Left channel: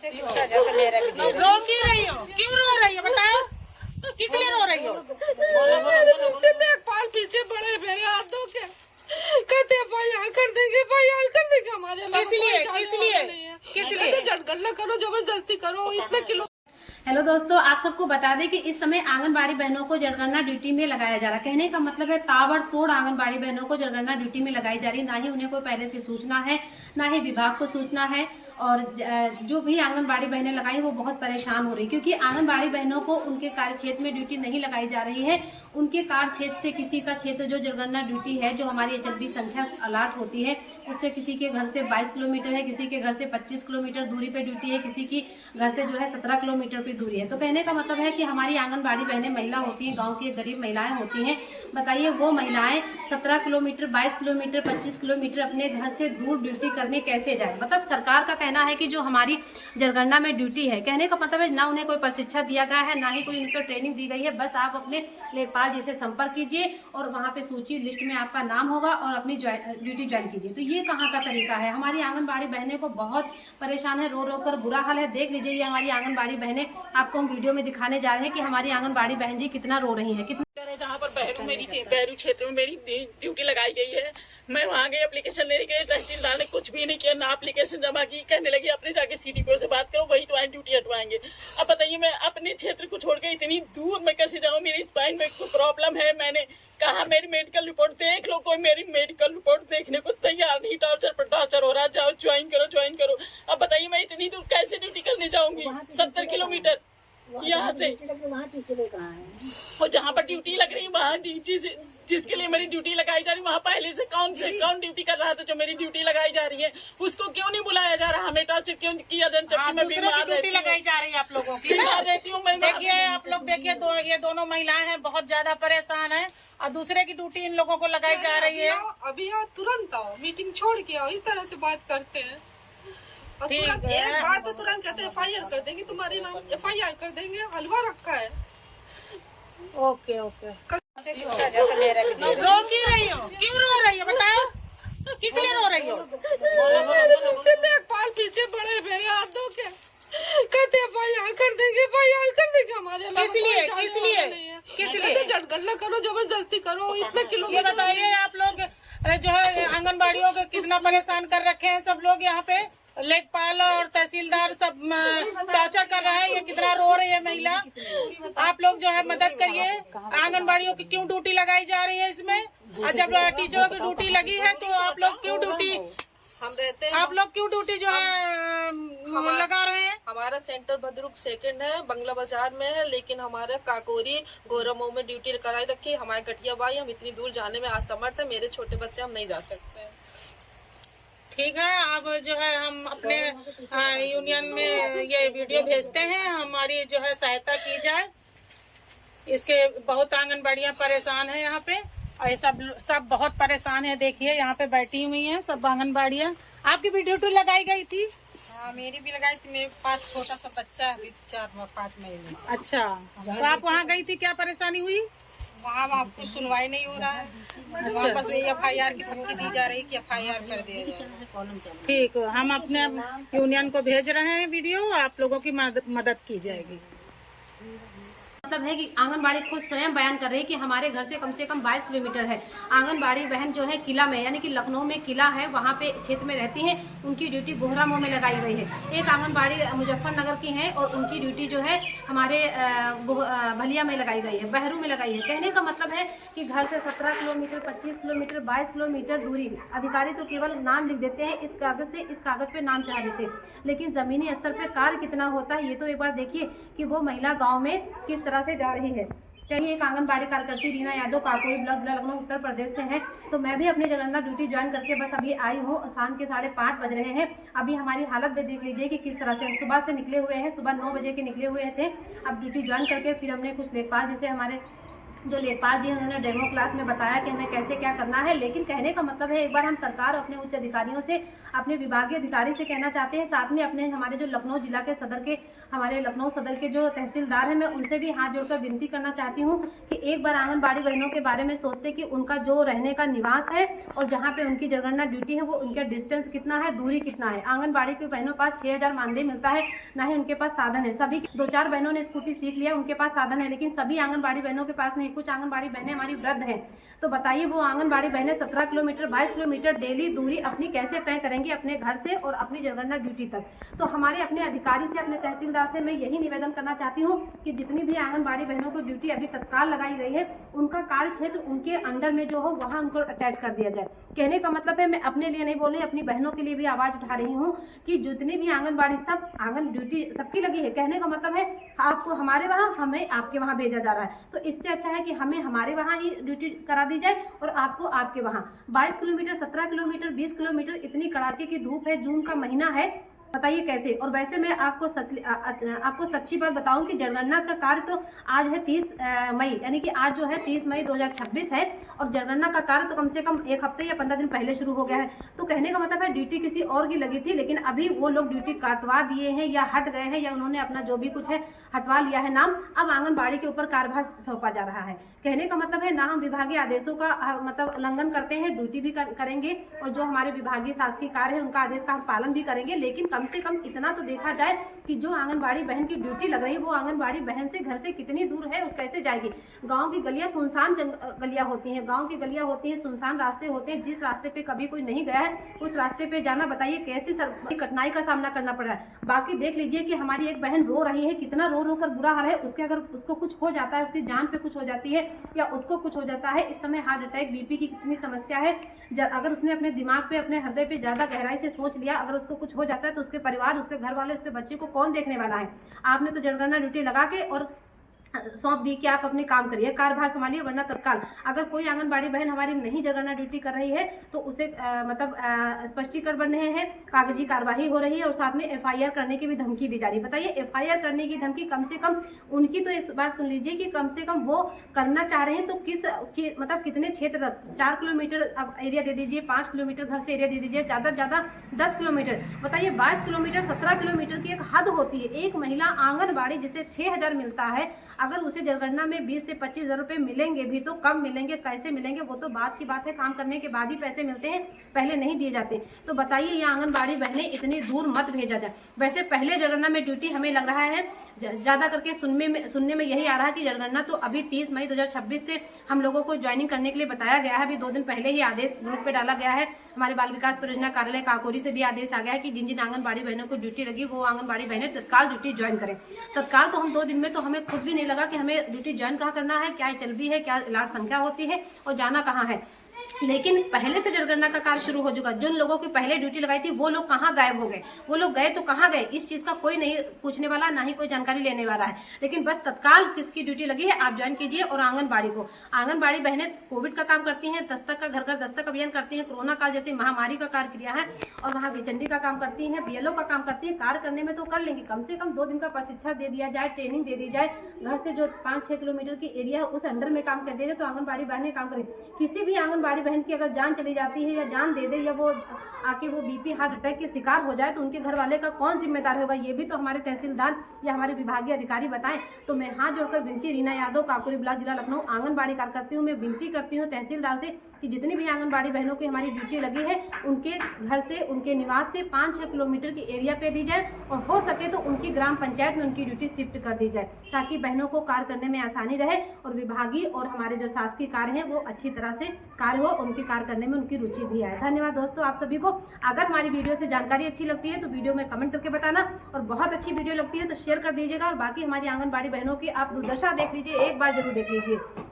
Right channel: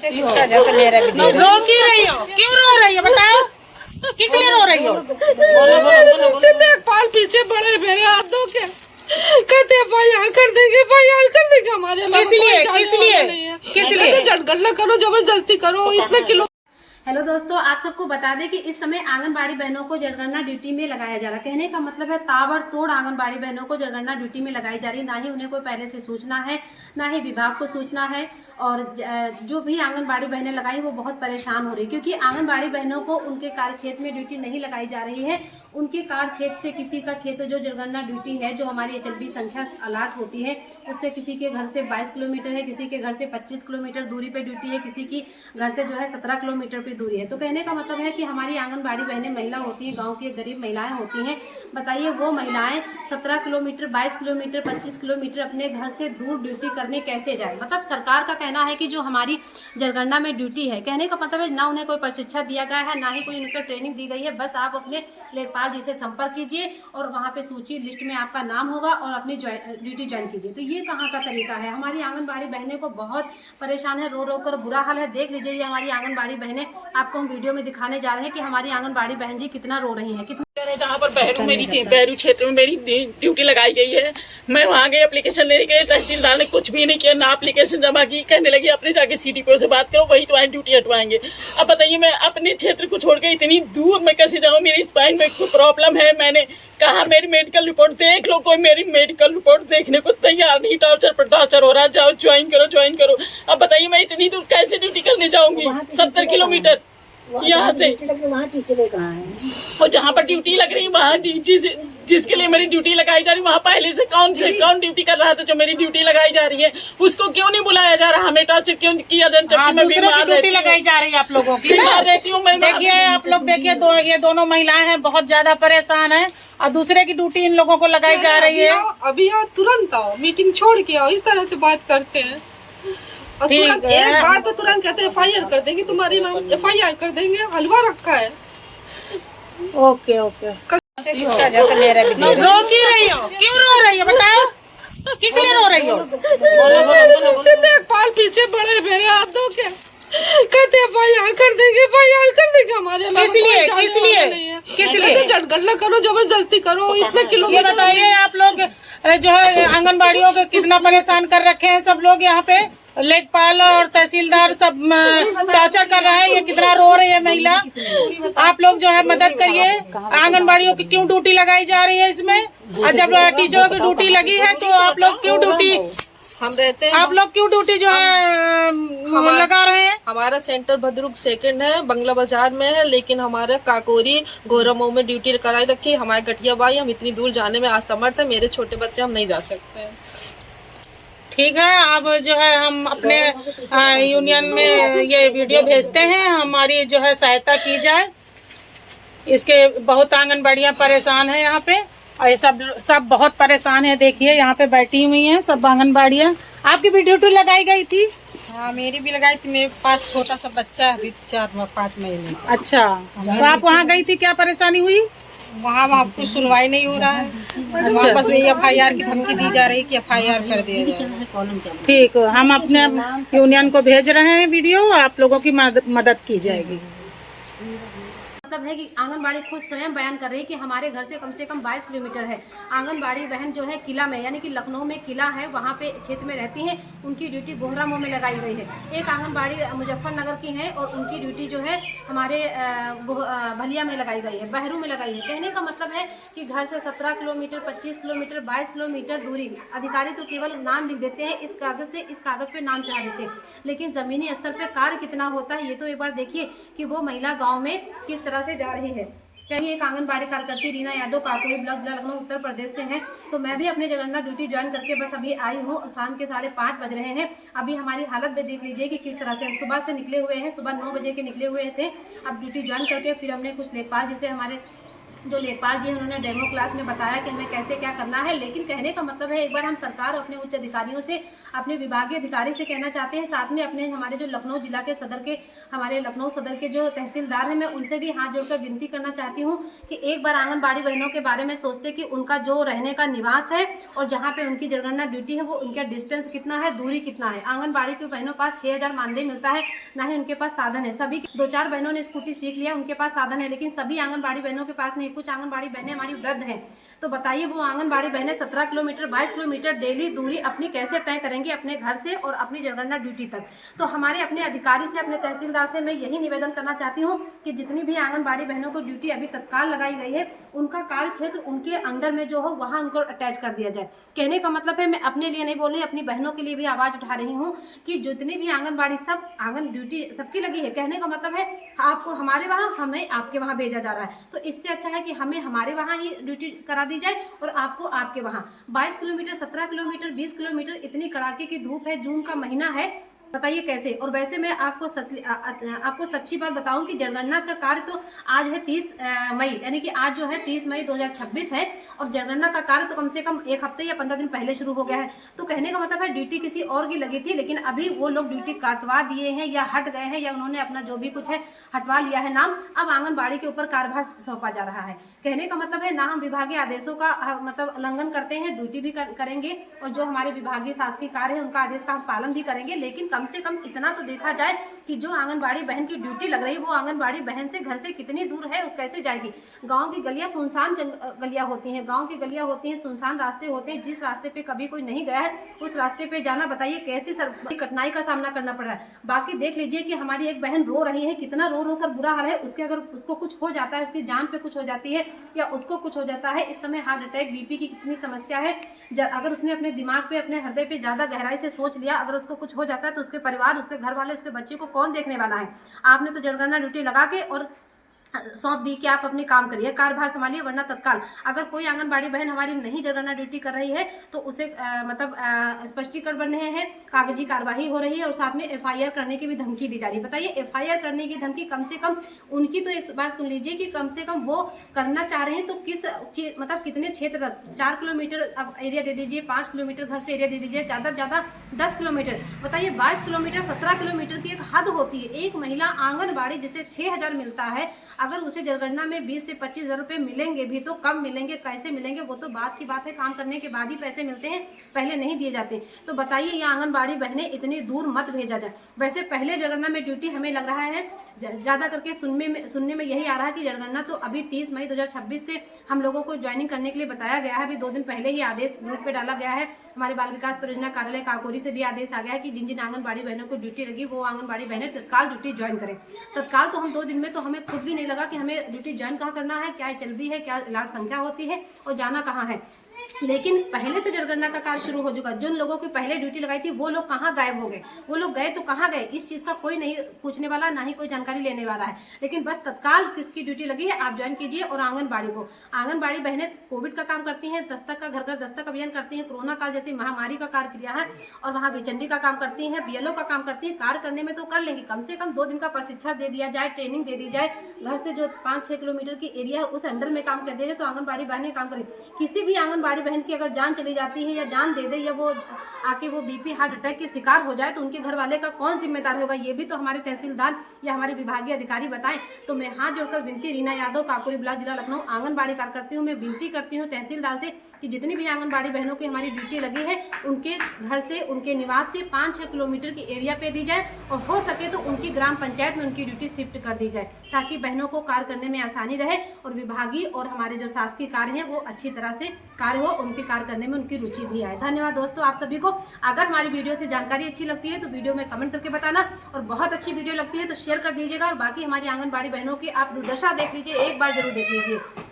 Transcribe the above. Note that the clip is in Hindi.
रो क्यों रही हो? क्यों रो रही हो बताओ, किस लिए रो रही हो? लेखपाल पीछे बड़े मेरे हाथों के कहते FIR कर देंगे हमारे किस लिए झटगट करो, जबरदस्ती करो, इतने किलो। हेलो दोस्तों, आप सबको बता दें कि इस समय आंगनबाड़ी बहनों को जनगणना ड्यूटी में लगाया जा रहा है। कहने का मतलब है ताबड़तोड़ आंगनबाड़ी बहनों को जनगणना ड्यूटी में लगाई जा रही है। ना ही उन्हें कोई पहले से सूचना है, ना ही विभाग को सूचना है। और जो भी आंगनबाड़ी बहनें लगाई वो बहुत परेशान हो रही, क्योंकि आंगनबाड़ी बहनों को उनके कार्य क्षेत्र में ड्यूटी नहीं लगाई जा रही है। उनके कार्य क्षेत्र से किसी का क्षेत्र जो जनगणना ड्यूटी है, जो हमारी HLB संख्या अलॉट होती है, उससे किसी के घर से 22 किलोमीटर है, किसी के घर से 25 किलोमीटर दूरी पे ड्यूटी है, किसी की घर से जो है 17 किलोमीटर की दूरी है। तो कहने का मतलब है कि हमारी आंगनबाड़ी बहनें महिला होती हैं, गांव की गरीब महिलाएं होती हैं। बताइए वो महिलाएं 17 किलोमीटर, 22 किलोमीटर, 25 किलोमीटर अपने घर से दूर ड्यूटी करने कैसे जाए? मतलब सरकार का कहना है कि जो हमारी जनगणना में ड्यूटी है, कहने का मतलब है ना उन्हें कोई प्रशिक्षण दिया गया है, ना ही कोई उनको ट्रेनिंग दी गई है। बस आप अपने लेखपाल जी से संपर्क कीजिए और वहाँ पे सूची लिस्ट में आपका नाम होगा और अपनी ड्यूटी ज्वाइन कीजिए। तो ये कहाँ का तरीका है? हमारी आंगनबाड़ी बहनें को बहुत परेशान है, रो रो कर बुरा हाल है। देख लीजिए ये हमारी आंगनबाड़ी बहनें, आपको हम वीडियो में दिखाने जा रहे हैं कि हमारी आंगनबाड़ी बहन जी कितना रो रही है। जहाँ पर बहरू क्षेत्र में मेरी ड्यूटी लगाई गई है, मैं वहाँ गई एप्लीकेशन लेने के लिए। तहसीलदार ने कुछ भी नहीं किया, ना एप्लीकेशन जमा की। कहने लगी अपने जाके CDPO से बात करो, वही तुम्हारी ड्यूटी हटवाएंगे। अब बताइए मैं अपने क्षेत्र को छोड़ के इतनी दूर मैं कैसे जाऊँ? मेरी स्पाइन में कोई प्रॉब्लम है। मैंने कहा मेरी मेडिकल रिपोर्ट देख लो, कोई मेरी मेडिकल रिपोर्ट देखने को तैयार नहीं। टॉर्चर पर टॉर्चर हो रहा है, जाओ ज्वाइन करो। अब बताइए मैं इतनी दूर कैसे ड्यूटी करने जाऊंगी? 70 किलोमीटर यहाँ से। और जहाँ पर ड्यूटी लग रही है वहाँ जिसके लिए मेरी ड्यूटी लगाई जा रही है, वहाँ पहले से कौन ड्यूटी कर रहा था? जो मेरी ड्यूटी लगाई जा रही है उसको क्यों नहीं बुलाया जा रहा? हमें टॉर्चर क्यों किया जा रहा है? मैं बीमार ड्यूटी लगाई जा रही है आप लोगों की, बीमार रहती हूँ मैं। देखिए आप लोग देखिए, ये दोनों महिलाएं हैं, बहुत ज्यादा परेशान है और दूसरे की ड्यूटी इन लोगों को लगाई जा रही है। अभी आओ, तुरंत आओ, मीटिंग छोड़ के आओ। इस तरह से बात करते हैं और तुरंत एक बार पे तुरंत कहते हैं FIR कर देंगे, तुम्हारे नाम FIR कर देंगे। हलवा रखा है। ओके रो क्यों रही हो? क्यों रो रही हो बताओ, किस लिए रो रही हो? लेखपाल पीछे बड़े मेरे हाथों के कहते FIR कर देंगे हमारे। किस लिए झटगट करो, जबरदस्ती करो, इतने किलो। ये बताइए आप लोग जो है आंगनबाड़ियों को कितना परेशान कर रखे हैं सब लोग यहाँ पे। लेखपाल और तहसीलदार सब टॉर्चर कर रहे हैं। ये कितना रो रही है महिला। आप लोग जो है मदद करिए। आंगनबाड़ियों की क्यों ड्यूटी लगाई जा रही है इसमें? और जब टीचरों की ड्यूटी लगी है तो आप लोग क्यों ड्यूटी आप लोग क्यों ड्यूटी जो है लगा रहे हैं? हमारा सेंटर भद्रुक 2 है, बंगला बाजार में है, लेकिन हमारे काकोरी गोरमऊ में ड्यूटी कराई रखी है। हमारे गठिया भाई, हम इतनी दूर जाने में असमर्थ है। मेरे छोटे बच्चे, हम नहीं जा सकते। ठीक है, अब जो है हम अपने यूनियन में ये वीडियो भेजते हैं, हमारी जो है सहायता की जाए। इसके बहुत आंगनबाड़ियाँ परेशान है यहाँ पे, और ये सब बहुत परेशान है। देखिए यहाँ पे बैठी हुई हैं सब आंगनबाड़ियाँ। आपकी भी ड्यूटी लगाई गई थी? हाँ, मेरी भी लगाई थी। मेरे पास छोटा सा बच्चा है, अभी 4-5 महीने। अच्छा, तो आप वहाँ गई थी, क्या परेशानी हुई? वहाँ कुछ सुनवाई नहीं हो रहा है। अच्छा। वापस FIR की धमकी दी जा रही है कि FIR कर दिया जाए। ठीक, हम अपने यूनियन को भेज रहे हैं वीडियो, आप लोगों की मदद की जाएगी। मतलब है कि आंगनबाड़ी खुद स्वयं बयान कर रही है कि हमारे घर से कम 22 किलोमीटर है। आंगनबाड़ी बहन जो है किला में, यानी कि लखनऊ में किला है, वहाँ पे क्षेत्र में रहती हैं। उनकी ड्यूटी गोहरामऊ में लगाई गई है। एक आंगनबाड़ी मुजफ्फरनगर की है और उनकी ड्यूटी जो है हमारे भलिया में लगाई गई है, बहरू में लगाई है। कहने का मतलब है कि घर से 17 किलोमीटर, 25 किलोमीटर, 22 किलोमीटर दूरी। अधिकारी तो केवल नाम लिख देते हैं, इस कागज पे नाम चढ़ा देते हैं, लेकिन जमीनी स्तर पे कार्य कितना होता है ये तो एक बार देखिए कि वो महिला गाँव में किस तरह से जा रही है। कहीं एक आंगनबाड़ी कार्यकर्ती रीना यादव काकोरी ब्लॉक जिला लखनऊ उत्तर प्रदेश से हैं। तो मैं भी अपनी जनगणना ड्यूटी ज्वाइन करके बस अभी आई हूँ। शाम के 5:30 बज रहे हैं। अभी हमारी हालत भी देख लीजिए कि किस तरह से हम सुबह से निकले हुए हैं। सुबह 9 बजे के निकले हुए थे। अब ड्यूटी ज्वाइन करके फिर हमने कुछ लेखपाल जिसे हमारे जो लेखपाल जी हैं उन्होंने डेमो क्लास में बताया कि हमें कैसे क्या करना है। लेकिन कहने का मतलब है एक बार हम सरकार और अपने उच्च अधिकारियों से, अपने विभागीय अधिकारी से कहना चाहते हैं, साथ में अपने हमारे जो लखनऊ जिला के सदर के, हमारे लखनऊ सदर के जो तहसीलदार हैं, मैं उनसे भी हाथ जोड़कर विनती करना चाहती हूँ कि एक बार आंगनबाड़ी बहनों के बारे में सोचते कि उनका जो रहने का निवास है और जहाँ पे उनकी जनगणना ड्यूटी है वो उनका डिस्टेंस कितना है, दूरी कितना है। आंगनबाड़ी के बहनों पास 6000 मानदेय मिलता है, ना ही उनके पास साधन है। सभी 2-4 बहनों ने स्कूटी सीख लिया, उनके पास साधन है, लेकिन सभी आंगनबाड़ी बहनों के पास नहीं। कुछ आंगनबाड़ी बहनें हमारी वृद्ध हैं, तो बताइए वो आंगनबाड़ी बहनें 17 किलोमीटर 22 किलोमीटर डेली दूरी अपनी कैसे तय करेंगी अपने घर से और अपनी जनगणना ड्यूटी तक। तो हमारे अपने अधिकारी से, अपने तहसीलदार से मैं यही निवेदन करना चाहती हूँ कि जितनी भी आंगनबाड़ी बहनों को ड्यूटी अभी तत्काल लगाई गई है, उनका कार्य क्षेत्र उनके अंडर में जो हो वहाँ उनको अटैच कर दिया जाए। कहने का मतलब है मैं अपने लिए नहीं बोल रही, अपनी बहनों के लिए भी आवाज उठा रही हूँ कि जितनी भी आंगनबाड़ी, सब आंगन ड्यूटी सबकी लगी है। कहने का मतलब है आपको हमारे वहाँ, हमें आपके वहाँ भेजा जा रहा है, तो इससे अच्छा है कि हमें हमारे वहाँ ही ड्यूटी करा दी जाए और आपको आपके वहाँ। 22 किलोमीटर, 17 किलोमीटर, 20 किलोमीटर, इतनी कड़ाके की धूप है, जून का महीना है, बताइए कैसे। और वैसे मैं आपको सच्ची बात बताऊं कि जनगणना का कार्य तो आज है 30 मई, यानी कि आज जो है 30 मई 2026 है, और जनगणना का कार्य तो कम से कम 1 हफ्ते या 15 दिन पहले शुरू हो गया है। तो कहने का मतलब है ड्यूटी किसी और की लगी थी, लेकिन अभी वो लोग ड्यूटी काटवा दिए हैं या हट गए हैं, या उन्होंने अपना जो भी कुछ है हटवा लिया है नाम। अब आंगनबाड़ी के ऊपर कार्यभार सौंपा जा रहा है। कहने का मतलब है ना हम विभागीय आदेशों का मतलब उल्लंघन करते हैं, ड्यूटी भी करेंगे, और जो हमारे विभागीय शासकीय कार्य है उनका आदेश का हम पालन भी करेंगे। लेकिन कम से कम इतना तो देखा जाए कि जो आंगनबाड़ी बहन की ड्यूटी लग रही है वो आंगनबाड़ी बहन से घर से कितनी दूर है, वो कैसे जाएगी। गांव की गलियां सुनसान गलियां होती हैं, गांव की गलियां होती हैं, सुनसान रास्ते होते हैं, जिस रास्ते पे कभी कोई नहीं गया है उस रास्ते पे जाना, बताइए कैसी कठिनाई का सामना करना पड़ रहा है। बाकी देख लीजिए कि हमारी एक बहन रो रही है, कितना रो रो कर बुरा हाल है उसके। अगर उसको कुछ हो जाता है, उसकी जान पे कुछ हो जाती है या उसको कुछ हो जाता है, इस समय हार्ट अटैक, बीपी की कितनी समस्या है। अगर उसने अपने दिमाग पे, अपने हृदय पे ज्यादा गहराई से सोच लिया, अगर उसको कुछ हो जाता है तो उसके परिवार, उसके घर वाले, उसके बच्चे को कौन देखने वाला है। आपने तो जनगणना ड्यूटी लगा के और सौंप दी कि आप अपने काम करिए, कार्यभार संभालिए, वरना तत्काल अगर कोई आंगनबाड़ी बहन हमारी नहीं जनगणना ड्यूटी कर रही है तो उसे स्पष्टीकरण बन रहे हैं, कागजी कार्रवाई हो रही है और साथ में FIR करने की भी धमकी दी जा रही है। बताइए FIR करने की धमकी, कम से कम उनकी तो एक बार सुन लीजिए कि कम से कम वो करना चाह रहे हैं तो किस मतलब कितने क्षेत्र तक, 4 किलोमीटर अब एरिया दे दीजिए, 5 किलोमीटर घर से एरिया दे दीजिए, ज़्यादा से ज़्यादा 10 किलोमीटर, बताइए 22 किलोमीटर, 17 किलोमीटर की एक हद होती है। एक महिला आंगनबाड़ी जिसे 6000 मिलता है, अगर उसे जनगणना में 20 से 25 हज़ार रुपये मिलेंगे भी तो कब मिलेंगे, कैसे मिलेंगे, वो तो बात की बात है। काम करने के बाद ही पैसे मिलते हैं, पहले नहीं दिए जाते। तो बताइए ये आंगनबाड़ी बहनें इतनी दूर मत भेजा जाए। वैसे पहले जनगणना में ड्यूटी हमें लग रहा है, ज़्यादा करके सुनने में यही आ रहा है कि जनगणना तो अभी 30 मई 2026 से हम लोगों को ज्वाइनिंग करने के लिए बताया गया है। अभी 2 दिन पहले ही आदेश ग्रुप पे डाला गया है। हमारे बाल विकास परियोजना कार्यालय काकोरी से भी आदेश आ गया है कि जिन जिन आंगनबाड़ी बहनों को ड्यूटी लगी वो आंगनबाड़ी बहनें तत्काल ड्यूटी ज्वाइन करें। तत्काल तो हम 2 दिन में तो हमें खुद भी नहीं लगा कि हमें ड्यूटी ज्वाइन कहाँ करना है, क्या चल भी है, क्या लाट संख्या होती है और जाना कहाँ है। लेकिन पहले से जनगणना का कार्य शुरू हो चुका। जिन लोगों की पहले ड्यूटी लगाई थी वो लोग कहाँ गायब हो गए, वो लोग गए तो कहाँ गए, इस चीज़ का कोई नहीं पूछने वाला, ना ही कोई जानकारी लेने वाला है। लेकिन बस तत्काल किसकी ड्यूटी लगी है आप ज्वाइन कीजिए। और आंगनबाड़ी बहनें कोविड का काम करती हैं, दस्तक का घर घर दस्तक अभियान करती हैं, कोरोना काल जैसी महामारी का कार्य किया है, और वहाँ बेचंडी का काम करती हैं, BLO का काम करती हैं। कार्य करने में तो कर लेंगी, कम से कम 2 दिन का प्रशिक्षण दे दिया जाए, ट्रेनिंग दे दी जाए, घर से जो 5-6 किलोमीटर की एरिया है उस अंडर में काम कर दिया जाए तो आंगनबाड़ी बहनें काम करें। किसी भी आंगनबाड़ी बहन की अगर जान चली जाती है या जान दे दे या वो आके वो BP हार्ट अटैक के शिकार हो जाए तो उनके घर वाले का कौन जिम्मेदार होगा, ये भी तो हमारे तहसीलदार या हमारे विभागीय अधिकारी बताएं। तो मैं हाथ जोड़कर विनती, रीना यादव, काकोरी ब्लॉक, जिला लखनऊ, आंगनबाड़ी कार्यकर्ती हूँ, मैं विनती करती हूँ तहसीलदार से कि जितनी भी आंगनबाड़ी बहनों की हमारी ड्यूटी लगी है उनके घर से, उनके निवास से 5-6 किलोमीटर की एरिया पे दी जाए, और हो सके तो उनकी ग्राम पंचायत में उनकी ड्यूटी शिफ्ट कर दी जाए, ताकि बहनों को कार्य करने में आसानी रहे और विभागीय और हमारे जो शासकीय कार्य हैं वो अच्छी तरह से कार्य हो, उनके कार्य करने में उनकी रुचि भी आए। धन्यवाद दोस्तों आप सभी को। अगर हमारी वीडियो से जानकारी अच्छी लगती है तो वीडियो में कमेंट करके बताना, और बहुत अच्छी वीडियो लगती है तो शेयर कर दीजिएगा। और बाकी हमारी आंगनबाड़ी बहनों की आप दुर्दशा देख लीजिए, एक बार जरूर देख लीजिए।